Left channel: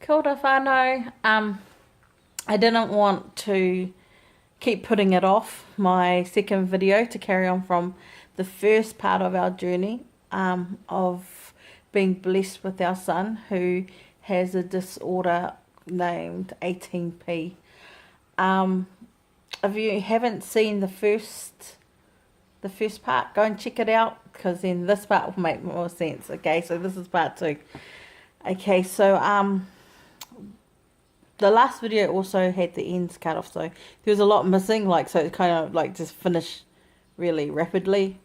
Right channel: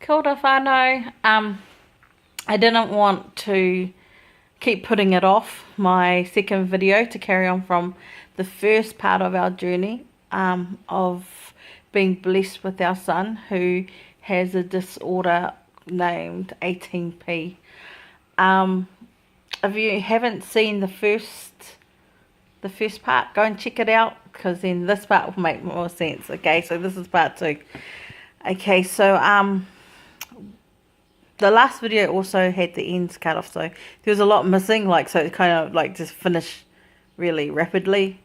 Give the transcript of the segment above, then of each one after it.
Kia ora whānau. I didn't want to keep putting it off, my second video, to carry on from the first part of our journey of being blessed with our son who has a disorder named 18p. If you haven't seen the first part, go and check it out, because then this part will make more sense. Okay, so this is part 2. Okay, so the last video also had the ends cut off, so there was a lot missing, so it kind of just finished really rapidly,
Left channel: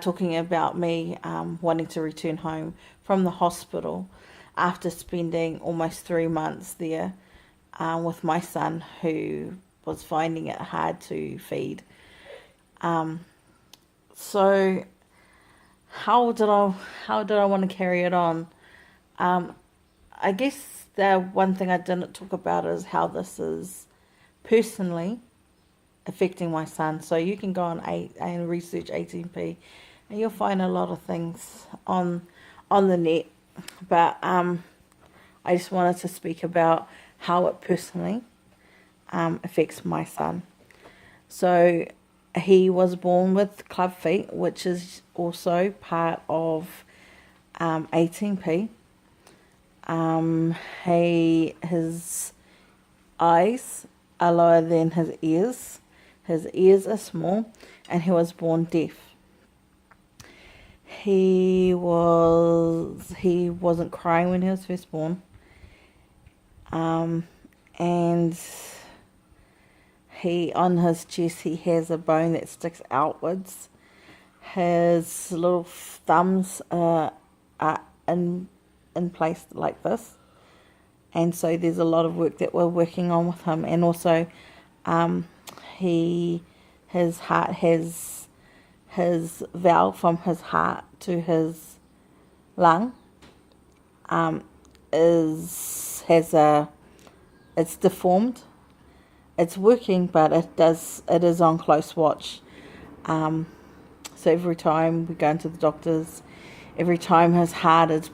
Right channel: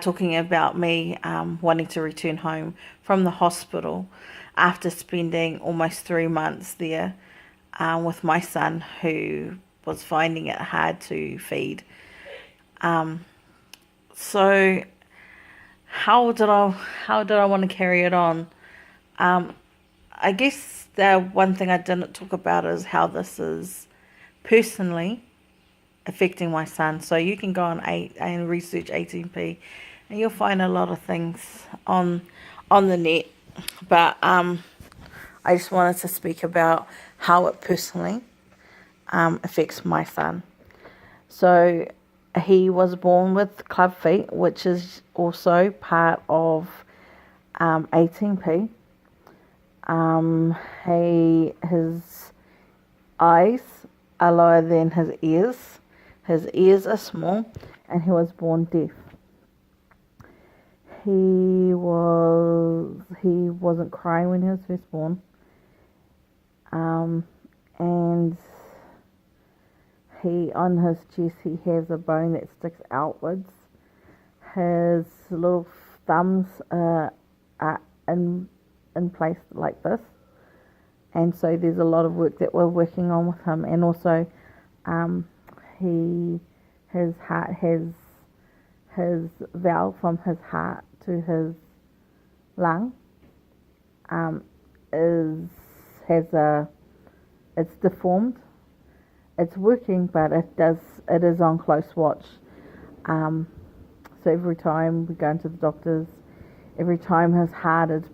talking about me wanting to return home from the hospital after spending almost 3 months there with my son, who was finding it hard to feed. So how did I want to carry it on? I guess the one thing I didn't talk about is how this is personally affecting my son. So you can go on and research 18p, and you'll find a lot of things on the net. But I just wanted to speak about how it personally affects my son. So he was born with club feet, which is also part of 18p. His eyes are lower than his ears. His ears are small, and he was born deaf. He wasn't crying when he was first born. And on his chest he has a bone that sticks outwards. His little thumbs are in place like this, and so there's a lot of work that we're working on with him. And also his heart has his valve from his heart to his lung it's deformed. It's working, but it is on close watch. So every time we go into the doctors, every time his heart is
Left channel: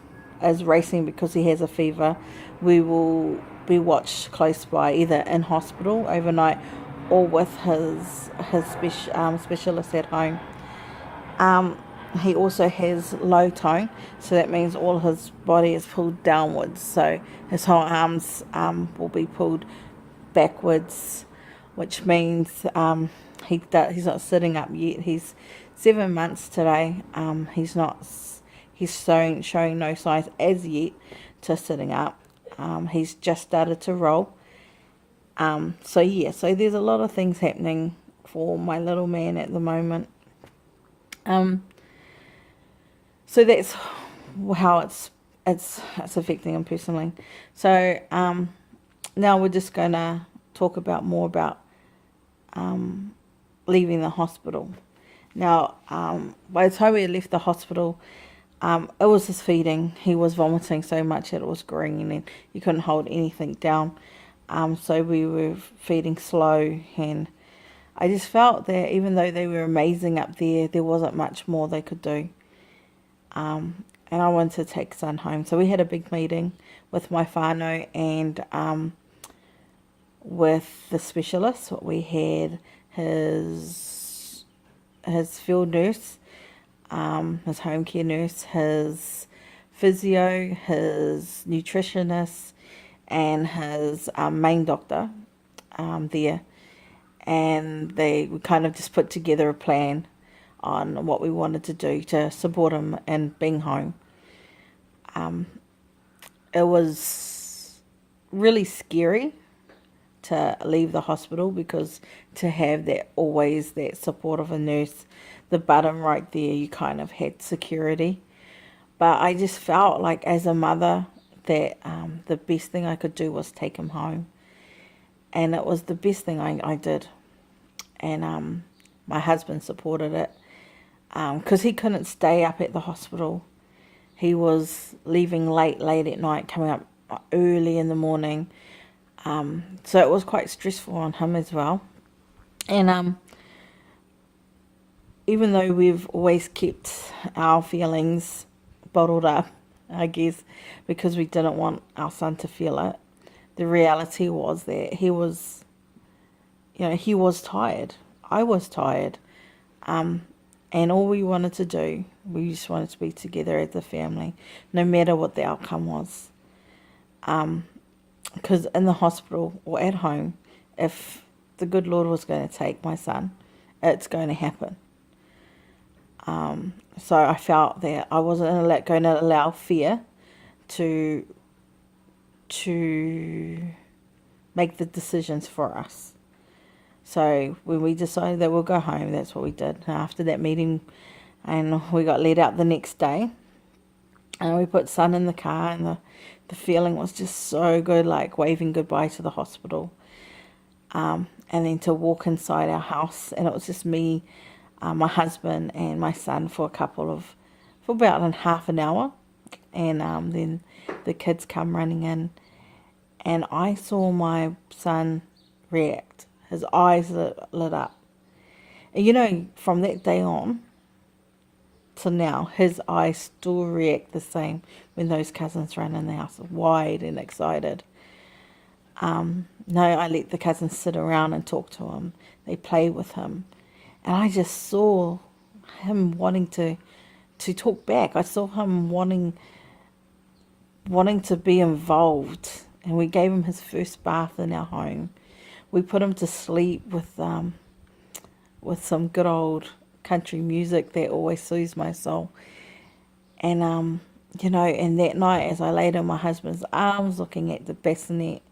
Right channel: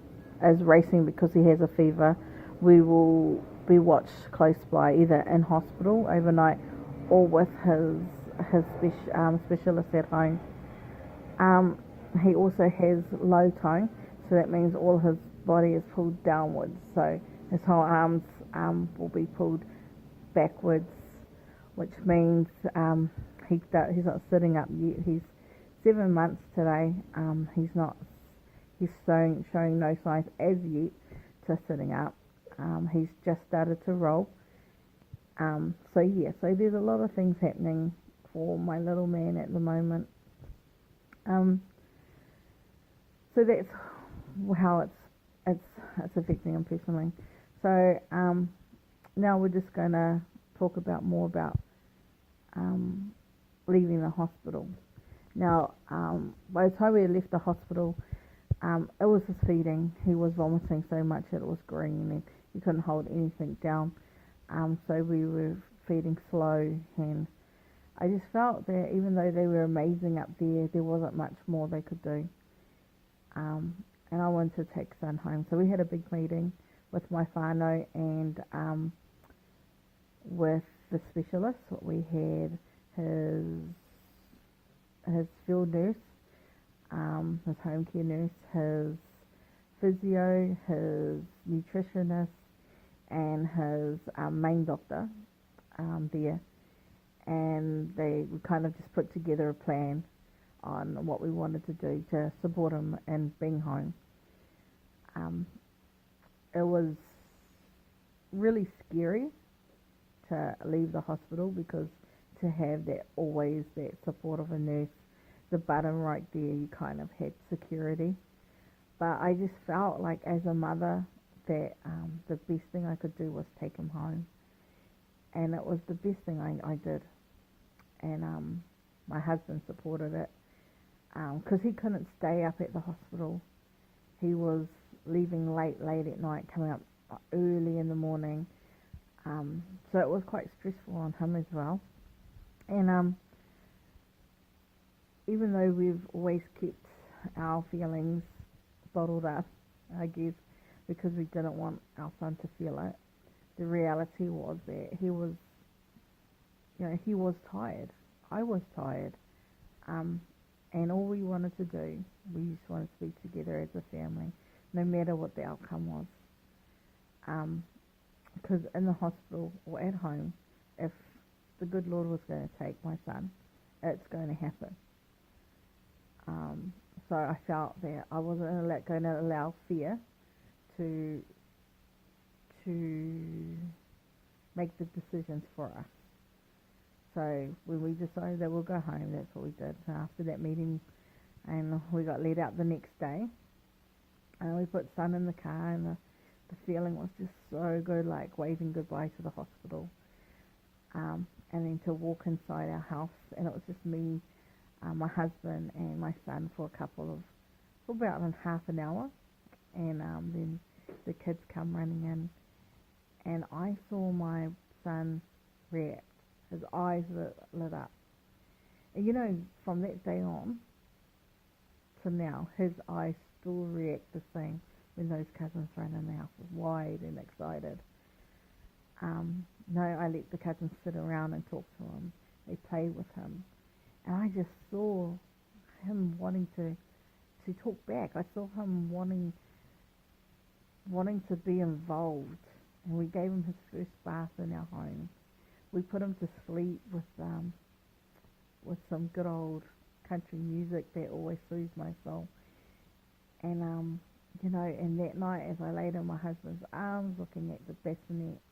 racing because he has a fever, we will be watched close by, either in hospital overnight or with his specialist at home. He also has low tone, so that means all his body is pulled downwards. So his whole arms will be pulled backwards, which means he's not sitting up yet. He's 7 months today. He's showing no signs as yet to sitting up. He's just started to roll. So there's a lot of things happening for my little man at the moment. So that's how it's affecting him personally. So now we're just gonna talk more about leaving the hospital. Now, by the time we left the hospital, it was his feeding. He was vomiting so much that it was green, and he couldn't hold anything down. So we were feeding slow, and I just felt that even though they were amazing up there, there wasn't much more they could do. And I wanted to take son home. So we had a big meeting with my whānau and with the specialist. We had his field nurse, his home care nurse, his physio, his nutritionist, and his main doctor there. And we kind of just put together a plan on what we wanted to do to support him in being home. It was really scary to leave the hospital, because to have that support of a nurse, the button right there, you kind of had security. But I just felt like, as a mother, that the best thing I could do was take him home. And it was the best thing I did. And my husband supported it, because he couldn't stay up at the hospital. He was leaving late at night, coming up early in the morning. So it was quite stressful on him as well. And even though we've always kept our feelings bottled up, I guess, because we didn't want our son to feel it. The reality was that he was tired. I was tired. And all we wanted to do, we just wanted to be together as a family, no matter what the outcome was. Because in the hospital or at home, if the good Lord was going to take my son, it's going to happen. So I felt that I wasn't going to allow fear to make the decisions for us. So when we decided that we'll go home, that's what we did. After that meeting, and we got let out the next day, and we put son in the car, and the feeling was just so good, like waving goodbye to the hospital. And then to walk inside our house, and it was just me, my husband, and my son for about half an hour, and then the kids come running in, and I saw my son react. His eyes lit up, and from that day on to now, his eyes still react the same when those cousins run in the house, wide and excited. No, I let the cousins sit around and talk to him. They play with him. And I just saw him wanting to talk back. I saw him wanting to be involved. And we gave him his first bath in our home. We put him to sleep with some good old country music that always soothes my soul. And, and that night as I laid in my husband's arms looking at the bassinet,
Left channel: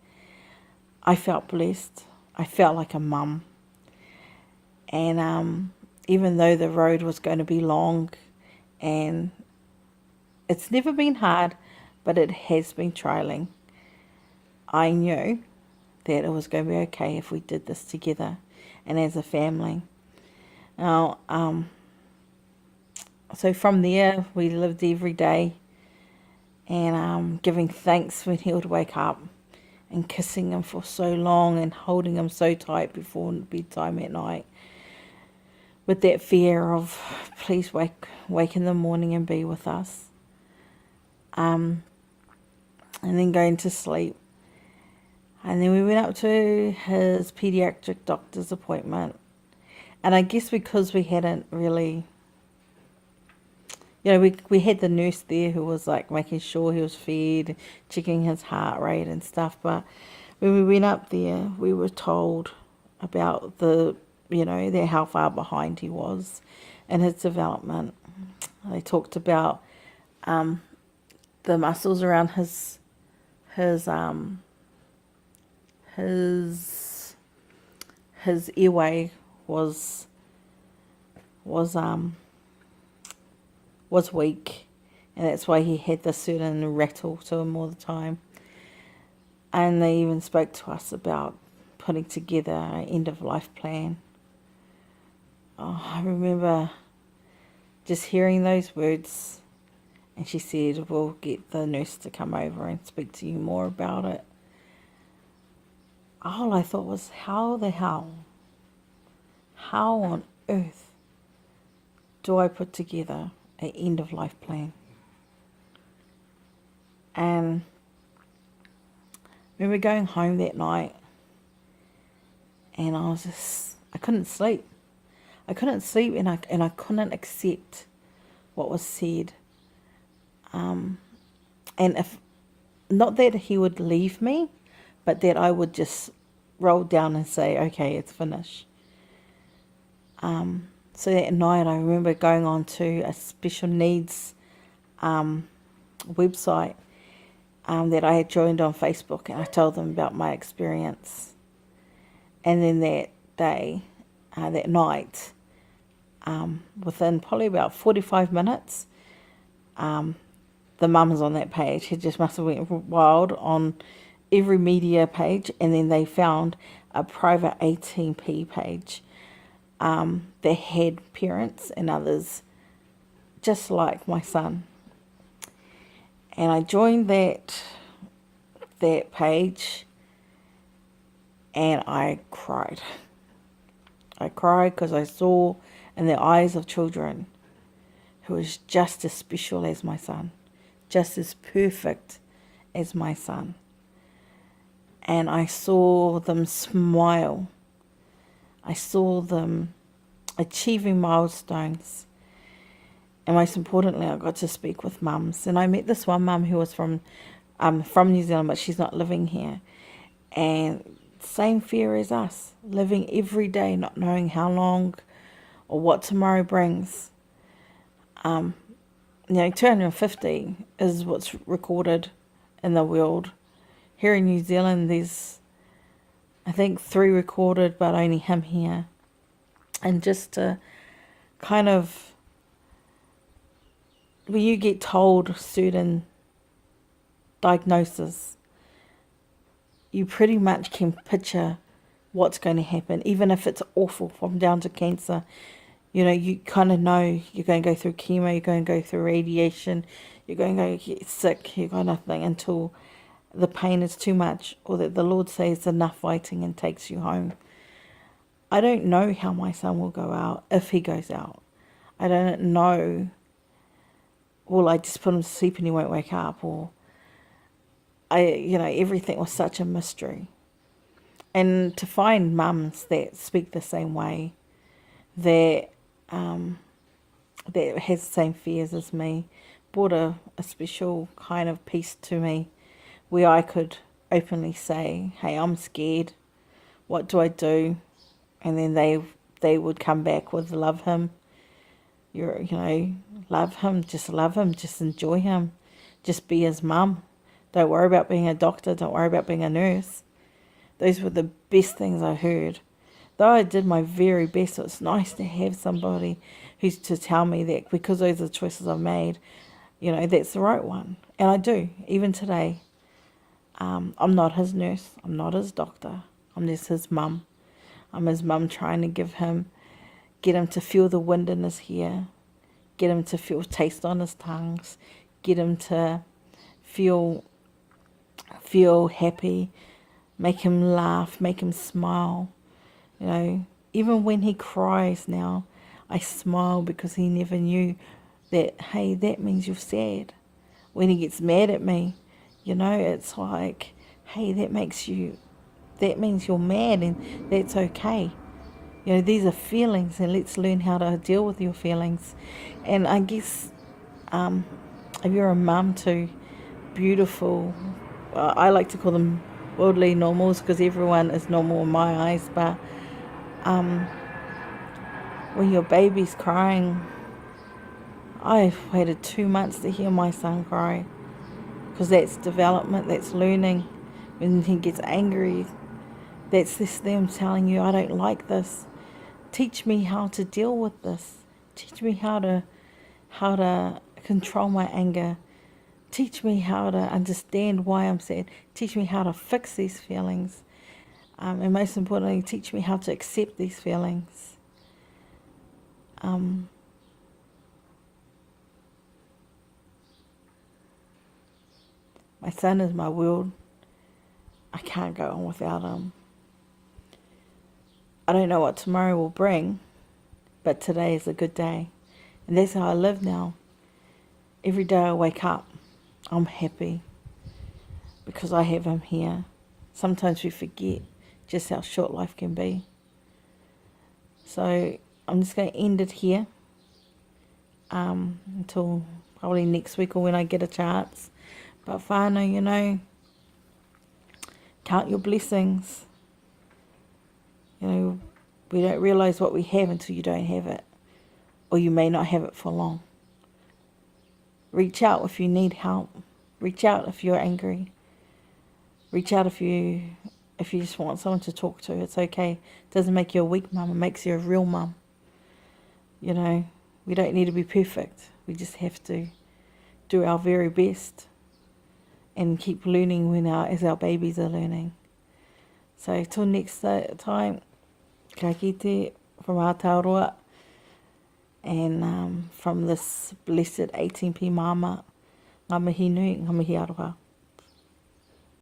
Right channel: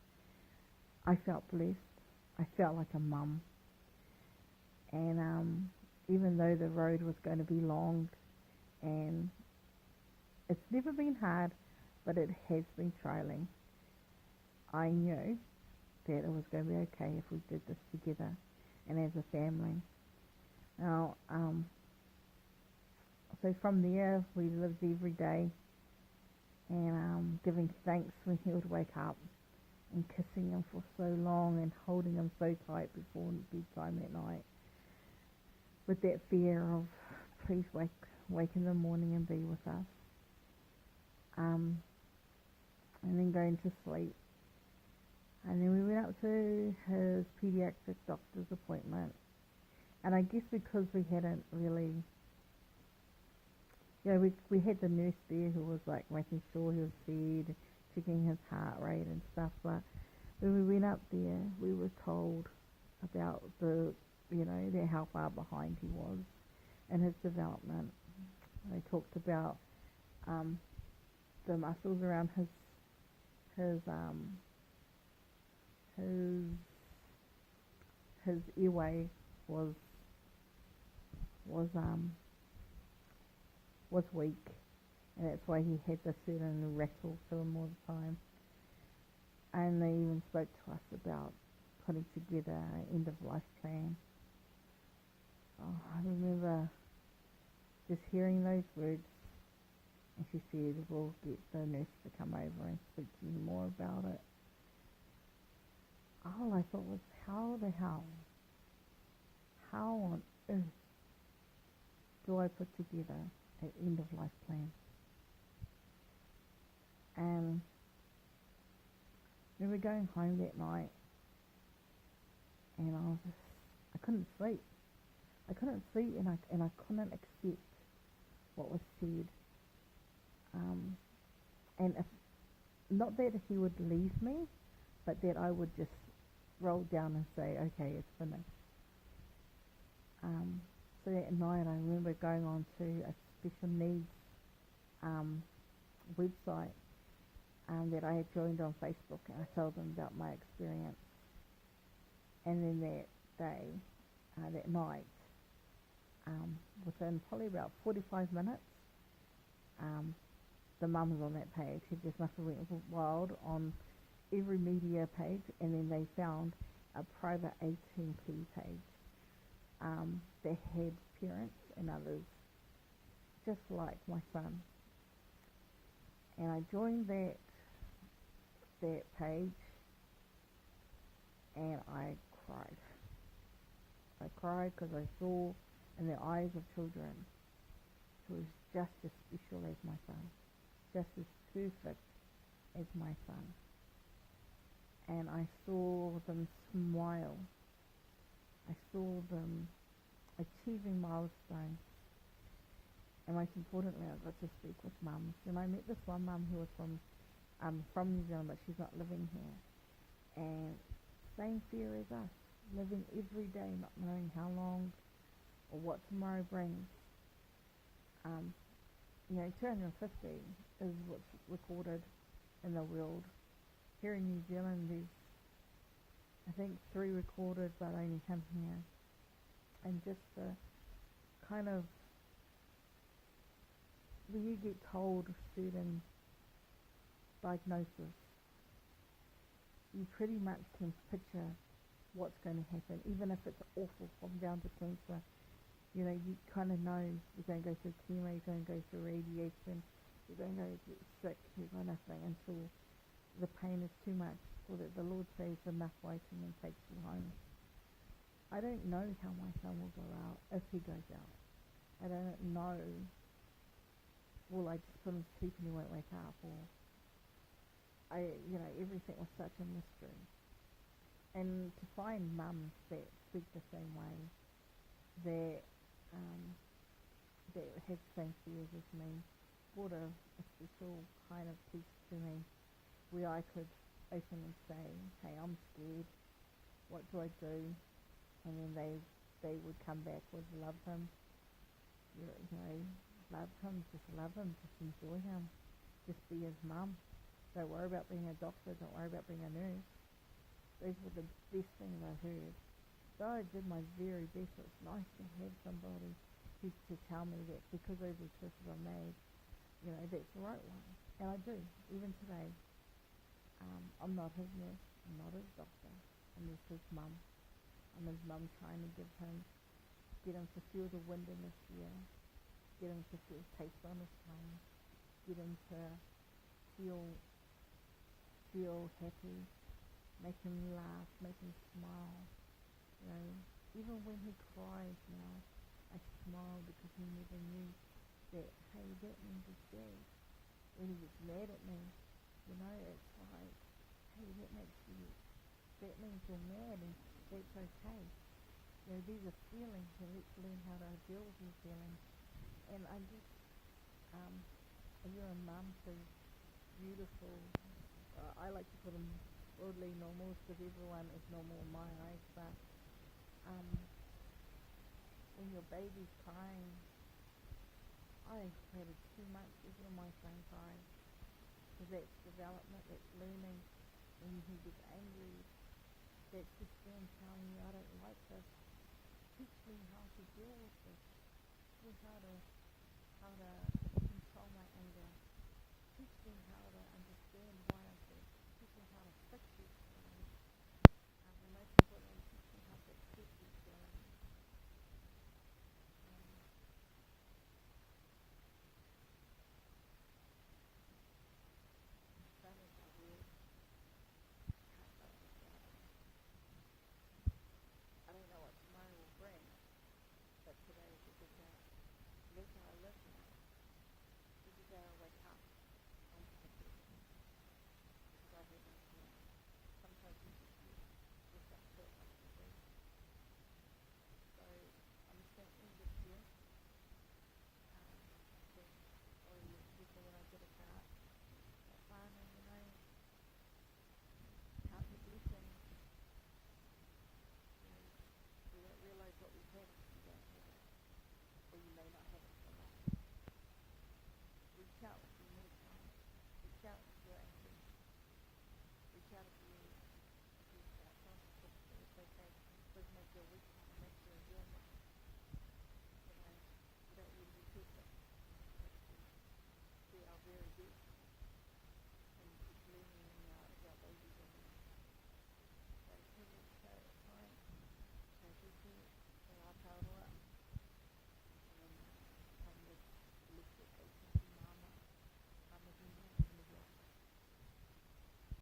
I felt blessed. I felt like a mum. And even though the road was going to be long, and it's never been hard, but it has been trialing, I knew that it was going to be okay if we did this together and as a family. Now, so from there, we lived every day and giving thanks when he would wake up, and kissing him for so long and holding him so tight before bedtime at night, with that fear of, please wake in the morning and be with us. And then going to sleep. And then we went up to his pediatric doctor's appointment. And I guess because we hadn't really, we had the nurse there who was like making sure he was fed, checking his heart rate and stuff. But when we went up there, we were told about how far behind he was in his development. They talked about the muscles around his airway was weak, and that's why he had this certain rattle to him all the time. And they even spoke to us about putting together an end of life plan. I remember just hearing those words, and she said, we'll get the nurse to come over and speak to you more about it. All I thought was, how on earth do I put together an end of life plan? And we were going home that night, and I couldn't sleep. And I couldn't accept what was said. And if not that he would leave me, but that I would just roll down and say, okay, it's finished. So that night I remember going on to a special needs website that I had joined on Facebook, and I told them about my experience. And then that day, that night, within probably about 45 minutes, the mums on that page had just must have went wild on every media page, and then they found a private 18p page that had parents and others just like my son. And I joined that page, and I cried. I cried because I saw in the eyes of children who was just as special as my son, just as perfect as my son. And I saw them smile. I saw them achieving milestones. And most importantly, I got to speak with mums. And I met this one mum who was from New Zealand, but she's not living here. And same fear as us, living every day, not knowing how long or what tomorrow brings. 250 is what's recorded in the world. Here in New Zealand, there's, I think, 3 recorded, but only him here. And just to kind of, when you get told certain diagnosis, you pretty much can picture what's going to happen, even if it's awful, from down to cancer. You kind of know you're going to go through chemo, you're going to go through radiation, you're going to get sick, you're going to nothing until the pain is too much, or that the Lord says enough fighting and takes you home. I don't know how my son will go out, if he goes out. I don't know. Will I just put him to sleep and he won't wake up? Or everything was such a mystery. And to find mums that speak the same way, that has the same fears as me, brought a special kind of peace to me, where I could openly say, hey, I'm scared, what do I do? And then they would come back with, love him, love him, just enjoy him, just be his mum. Don't worry about being a doctor, don't worry about being a nurse. Those were the best things I heard. Though I did my very best, it's nice to have somebody who's to tell me that, because those are the choices I've made, that's the right one. And I do, even today. I'm not his nurse, I'm not his doctor, I'm just his mum. I'm his mum, trying to get him to feel the wind in his hair, get him to feel taste on his tongues, get him to feel happy, make him laugh, make him smile. Even when he cries now, I smile, because he never knew that, hey, that means you're sad. When he gets mad at me, it's like, hey, that means you're mad, and that's okay. These are feelings, and let's learn how to deal with your feelings. And I guess if you're a mum to beautiful, I like to call them worldly normals, because everyone is normal in my eyes, but when your baby's crying, I've waited 2 months to hear my son cry, because that's development, that's learning. When he gets angry, that's them telling you, I don't like this. Teach me how to deal with this. Teach me how to control my anger. Teach me how to understand why I'm sad. Teach me how to fix these feelings. And most importantly, teach me how to accept these feelings. My son is my world. I can't go on without him. I don't know what tomorrow will bring, but today is a good day. And that's how I live now. Every day I wake up, I'm happy, because I have him here. Sometimes we forget just how short life can be. So I'm just going to end it here until probably next week, or when I get a chance. But whānau, count your blessings. We don't realise what we have until you don't have it, or you may not have it for long. Reach out if you need help. Reach out if you're angry. Reach out if you just want someone to talk to. It's okay. It doesn't make you a weak mum. It makes you a real mum. We don't need to be perfect. We just have to do our very best and keep learning as our babies are learning. So till next time, ka kite from Aotearoa, and from this blessed 18p mama, ngā mihi nui, ngā mihi aroha.